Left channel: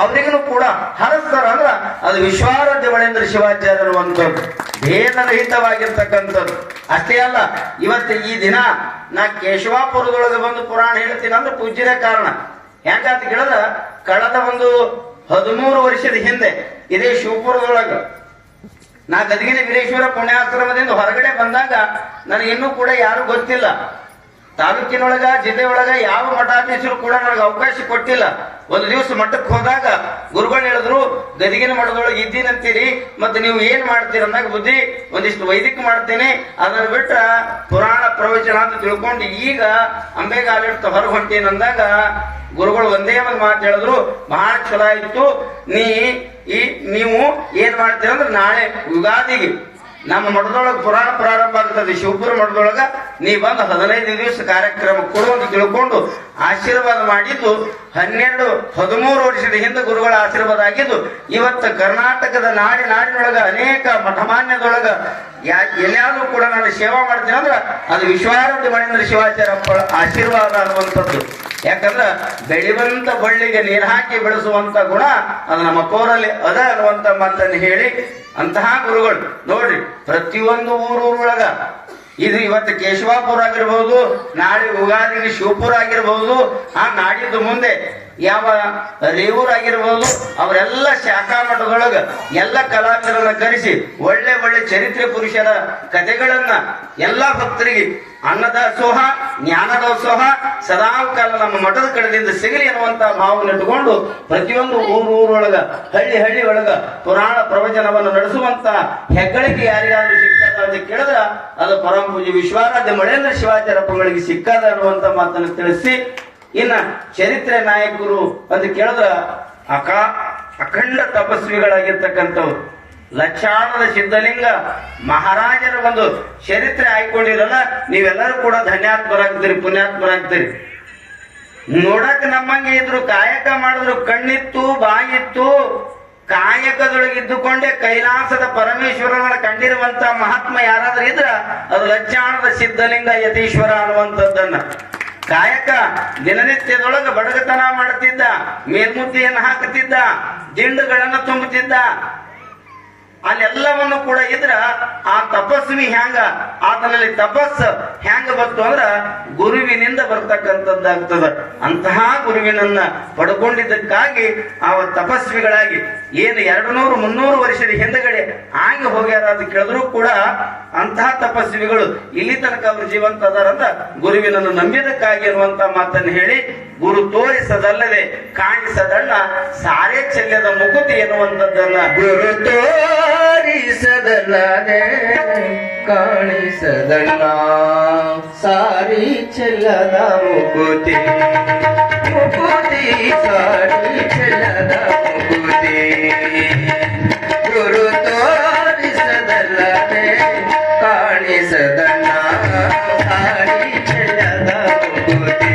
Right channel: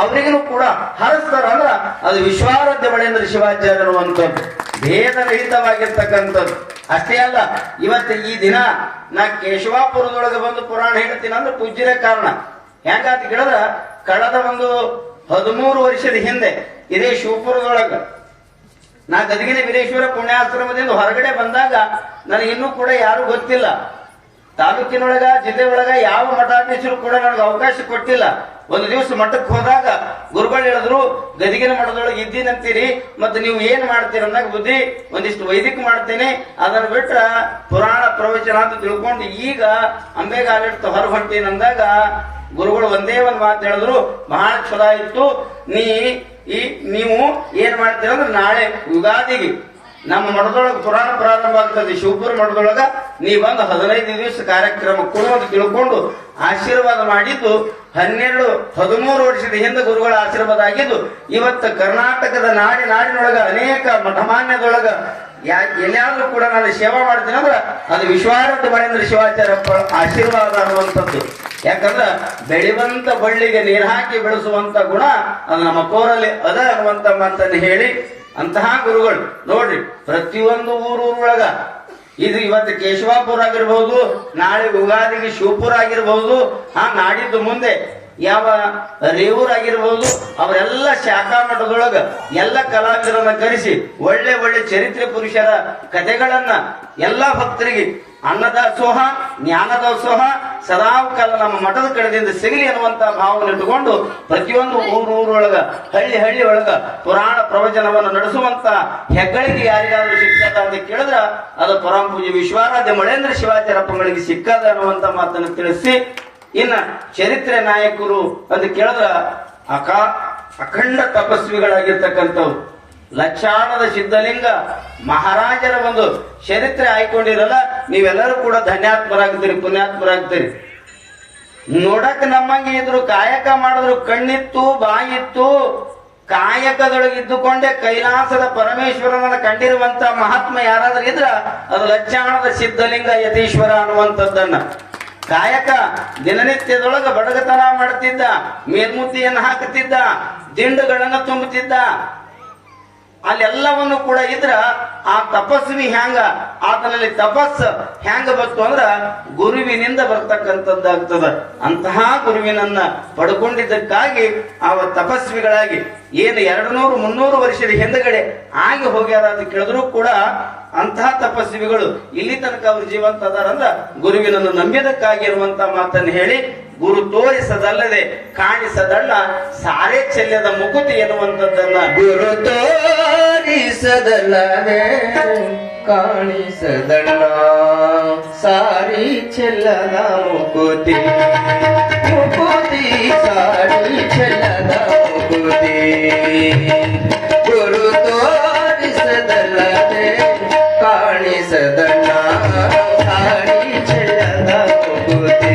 ಅವರಿಗೂ ಕೂಡ ಹರಸ್ತಾರ. ಅಂದ್ರ ಅದು ವಿಶ್ವಾರಾಧ್ಯ ಬಳೆಂದ್ರ ಶಿವಾಚಾರ್ಯ ಅನ್ನುವಂಥದ್ದು ಭೇದರಹಿತವಾಗಿರ್ತಕ್ಕಂಥದ್ದು. ಅಷ್ಟೇ ಅಲ್ಲ, ಇವತ್ತು ಈ ದಿನ ನಾ ಕೇಶವಾಪುರದೊಳಗೆ ಬಂದು ಪುರಾಣ ಹೇಳ್ತೀನಿ ಅಂದ್ರೆ ಪೂಜ್ಯದ ಕಾರಣ. ಹೆಂಗಾತ ಕೇಳದ ಕಳೆದ ಒಂದು ಹದಿಮೂರು ವರ್ಷದ ಹಿಂದೆ ಇದೇ ಶಿವಪುರದೊಳಗ ನಾ ಗದಗಿನ ವೀರೇಶ್ವರ ಪುಣ್ಯಾಶ್ರಮದಿಂದ ಹೊರಗಡೆ ಬಂದಾಗ ನನಗೆ ಇನ್ನೂ ಕೂಡ ಯಾರು ಗೊತ್ತಿಲ್ಲ. ತಾಲೂಕಿನೊಳಗ, ಜಿಲ್ಲೆಯೊಳಗ ಯಾವ ಮಠಾಧೀಶರು ಕೂಡ ನನಗೆ ಅವಕಾಶ ಕೊಟ್ಟಿಲ್ಲ. ಒಂದು ದಿವಸ ಮಠಕ್ಕೆ ಹೋದಾಗ ಗುರುಗಳು ಹೇಳಿದ್ರು ಗದಿಗಿನ ಮಠದೊಳಗೆ ಇದ್ದೀನಂತೀರಿ, ಮತ್ತೆ ನೀವು ಏನ್ ಮಾಡ್ತೀರ ಅಂದಾಗ ಬುದ್ಧಿ, ಒಂದಿಷ್ಟು ವೈದಿಕ ಮಾಡ್ತೇನೆ. ಅದನ್ನ ಬಿಟ್ರ ಪುರಾಣ ಪ್ರವಚನ ಅಂತ ತಿಳ್ಕೊಂಡು ಈಗ ಅಂಬೆಗಾಲಿಡ್ತ ಹೊರ ಹೊಂಟೀನಿ ಅಂದಾಗ ಗುರುಗಳು ಒಂದೇ ಒಂದು ಮಾತು ಹೇಳಿದ್ರು ಬಹಳ ಚಲೋ ಇತ್ತು ನೀ ಈ, ನೀವು ಏನ್ ಮಾಡ್ತೀರ ಅಂದ್ರೆ ನಾಳೆ ಯುಗಾದಿಗೆ ನಮ್ಮ ಮಠದೊಳಗೆ ಪುರಾಣ ಪ್ರಾರಂಭ ಆಗ್ತದೆ. ಶಿವಪುರ ಮಠದೊಳಗ ನೀ ಬಂದು ಹದಿನೈದು ದಿವಸ ಕಾರ್ಯಕ್ರಮ ಕೊಡುವಂತ ತಿಳ್ಕೊಂಡು ಆಶೀರ್ವಾದ ಮಾಡಿದ್ದು ಹನ್ನೆರಡು, ಹದಿಮೂರು ವರ್ಷದ ಹಿಂದೆ ಗುರುಗಳ ಆಶೀರ್ವಾದ ಆಗಿದ್ದು, ಇವತ್ತು ಕರ್ನಾಟಕದ ನಾಡಿ ನಾಡಿನೊಳಗೆ ಅನೇಕ ಮಠಮಾನ್ಯದೊಳಗ ಎಲ್ಲಾದ್ರೂ ಕೂಡ ನಾನು ಸೇವಾ ಮಾಡ್ತೀನಿ ಅಂದ್ರೆ ಅದು ವಿಶ್ವಾರಂತ ಮಹೇಂದ್ರ ಶಿವಾಚಾರ್ಯಪ್ಪ ಆಶೀರ್ವಾದ ಅನ್ನುವಂಥದ್ದು. ಯಾಕಂದ್ರೆ ಬೆಳೆವಂತ ಬಳ್ಳಿಗೆ ನೀರು ಹಾಕಿ ಬೆಳೆಸುವಂತ ಗುಣ ಅದು ನಮ್ಮ ಕೋರಲ್ಲಿ ಅದ ಅನ್ನುವಂತ ಮಾತನ್ನು ಹೇಳಿ ಅಂತಹ ಗುರುಗಳು. ನೋಡ್ರಿ, ಪ್ರತಿಯೊಂದು ಊರೂರೊಳಗ, ಇದು ಇವತ್ತು ಕೇಶವಾಪುರ ಆಗಿರ್ಬಹುದು ನಾಳೆ ಉಗಾದಿಗೆ ಶಿವಪುರ ಆಗಿರ್ಬಹುದು ಆ ನಾಡಿದ್ದು ಮುಂದೆ ಯಾವ ರೇವೂರ್ ಆಗಿರ್ಬಹುದು ಅವರೆಲ್ಲ ಶಾಖಾ ಮಠದೊಳಗ ಎಲ್ಲ ಕಲಾವಿದರನ್ನ ಕರೆಸಿ ಒಳ್ಳೆ ಒಳ್ಳೆ ಚರಿತ್ರೆ ಪುರುಷರ ಕಥೆಗಳನ್ನ ಎಲ್ಲಾ ಭಕ್ತರಿಗೆ ಅನ್ನದಾಸೋಹ ಜ್ಞಾನದಾಸೋಹ ಸದಾ ಕಾಲ ನಮ್ಮ ಮಠದ ಕಡೆದಿಂದ ಸಿಗಲಿ ಅನ್ನುವಂತ ಭಾವನೆ ಇಟ್ಟುಕೊಂಡು ಪ್ರತಿಯೊಂದು ಊರು ಊರೊಳಗ ಹಳ್ಳಿ ಹಳ್ಳಿ ಒಳಗ ಪುರಾಣ ಪ್ರವಚನವನ್ನು ನಡೆಸುವಂತ ಹೆಗ್ಗಳಿಕೆ ಯಾರಿಗಾದ್ರೂ ಸಿಕ್ಕದ ಅಂತ ಕೇಳಿದ ಅದು ಪರಮ ಪೂಜೆ ವಿಶ್ವಾರಾಧ್ಯ ಮಳೇಂದ್ರ ಶಿವಾಚಾರ್ಯಪ್ಪಗಳಿಗೆ ಸಿಕ್ಕದ ಅನ್ನುವಂತ ಮಾತನ್ನು ತಿಳಿಸಿ, ಇನ್ನ ಚರಿತ್ರೆ ನಾಯಕರು ಅಂತ ಕೇಳಿದ್ರ, ಅಕ, ಅಖಂಡ ತಪಸ್ವಿಗಳಾಗಿರ್ತಕ್ಕಂಥವ್ರು. ಲಕ್ಷಾಣದ ಸಿದ್ಧಲಿಂಗ ಮಹಾರಾಜರ ಒಂದು ಚರಿತ್ರೆ ಆಯ್ಕೊಂಡಿರಲ್ಲ, ನೀವೆಲ್ಲರೂ ಕೂಡ ಧನ್ಯಾತ್ಮರಾಗ್ತೀರಿ, ಪುಣ್ಯಾತ್ಮರಾಗ್ತೀರಿ. ನೋಡಕ್ ನಮ್ಮಂಗೆ ಇದ್ರು ಕಾಯಕ ಮಾಡಿದ್ರು, ಕಣ್ಣಿತ್ತು, ಬಾಯಿತ್ತು, ಕಾಯಕದೊಳಗೆ ಇದ್ದುಕೊಂಡೇ ಕೈಲಾಸದ ಪರಮೇಶ್ವರನ ಕಂಡಿರುವಂತ ಮಹಾತ್ಮ ಯಾರಾದ್ರೂ ಇದ್ರ, ಅದು ಲಕ್ಷಾಣದ ಸಿದ್ಧಲಿಂಗ ಯತೀಶ್ವರ ಅನ್ನುವಂಥದ್ದನ್ನ. ಕಾಯಕ ದಿನನಿತ್ಯದೊಳಗ ಬಡಗತನ ಮಾಡುತ್ತಿದ್ದ ಮೇಲ್ಮುದ್ದಿಯನ್ನು ಹಾಕುತ್ತಿದ್ದ, ದಿಂಡುಗಳನ್ನು ತುಂಬುತ್ತಿದ್ದ ಅಲ್ಲೆಲ್ಲವನ್ನು ಕೂಡ ಇದ್ರ ಆ ತಪಸ್ವಿ ಹ್ಯಾಂಗ? ಆತನಲ್ಲಿ ತಪಸ್ ಹ್ಯಾಂಗ ಬಂತು ಅಂದ್ರ ಗುರುವಿನಿಂದ ಬರ್ತಕ್ಕಂಥದ್ದಾಗ್ತದ. ಅಂತಹ ಗುರುವಿನನ್ನ ಪಡ್ಕೊಂಡಿದ್ದಕ್ಕಾಗಿ ಆ ತಪಸ್ವಿಗಳಾಗಿ ಏನು ಎರಡು ನೂರು ಮುನ್ನೂರು ವರ್ಷದ ಹಿಂದಗಡೆ ಆಗಿ ಹೋಗ್ಯಾರ ಅಂತ ಕೇಳಿದ್ರು ಕೂಡ ಅಂತಹ ತಪಸ್ವಿಗಳು ಇಲ್ಲಿ ತನಕ ಅವರು ಜೀವಂತ ಅದಾರಂದ್ರ ಗುರುವಿನನ್ನು ನಂಬಿದಕ್ಕಾಗಿರುವಂತ ಮಾತನ್ನು ಹೇಳಿ ಗುರು ತೋರಿಸದಲ್ಲದೆ ಕಾಣಿಸದಲ್ಲ, ಸಾರೇ ಚೆಲ್ಲದ ಮುಕುತಿ ಎನ್ನುವಂಥದ್ದನ್ನ ಗುರು ತೋರಿಸದಲ್ಲದೆ ಕಾಣಿಸದಣ್ಣ ಸಾರಿ ಚೆಲ್ಲದ ಮುಕುತಿ. ಮುಕುತಿ, ಸಾರಿ ಚೆಲ್ಲದ ಮುಕುತಿ. ಗುರು ತೋರಿಸದಲ್ಲದೆ ಕಾಣಿಸದಣ್ಣ ಸಾರಿ ಚೆಲ್ಲದ ಮುಕುತಿ.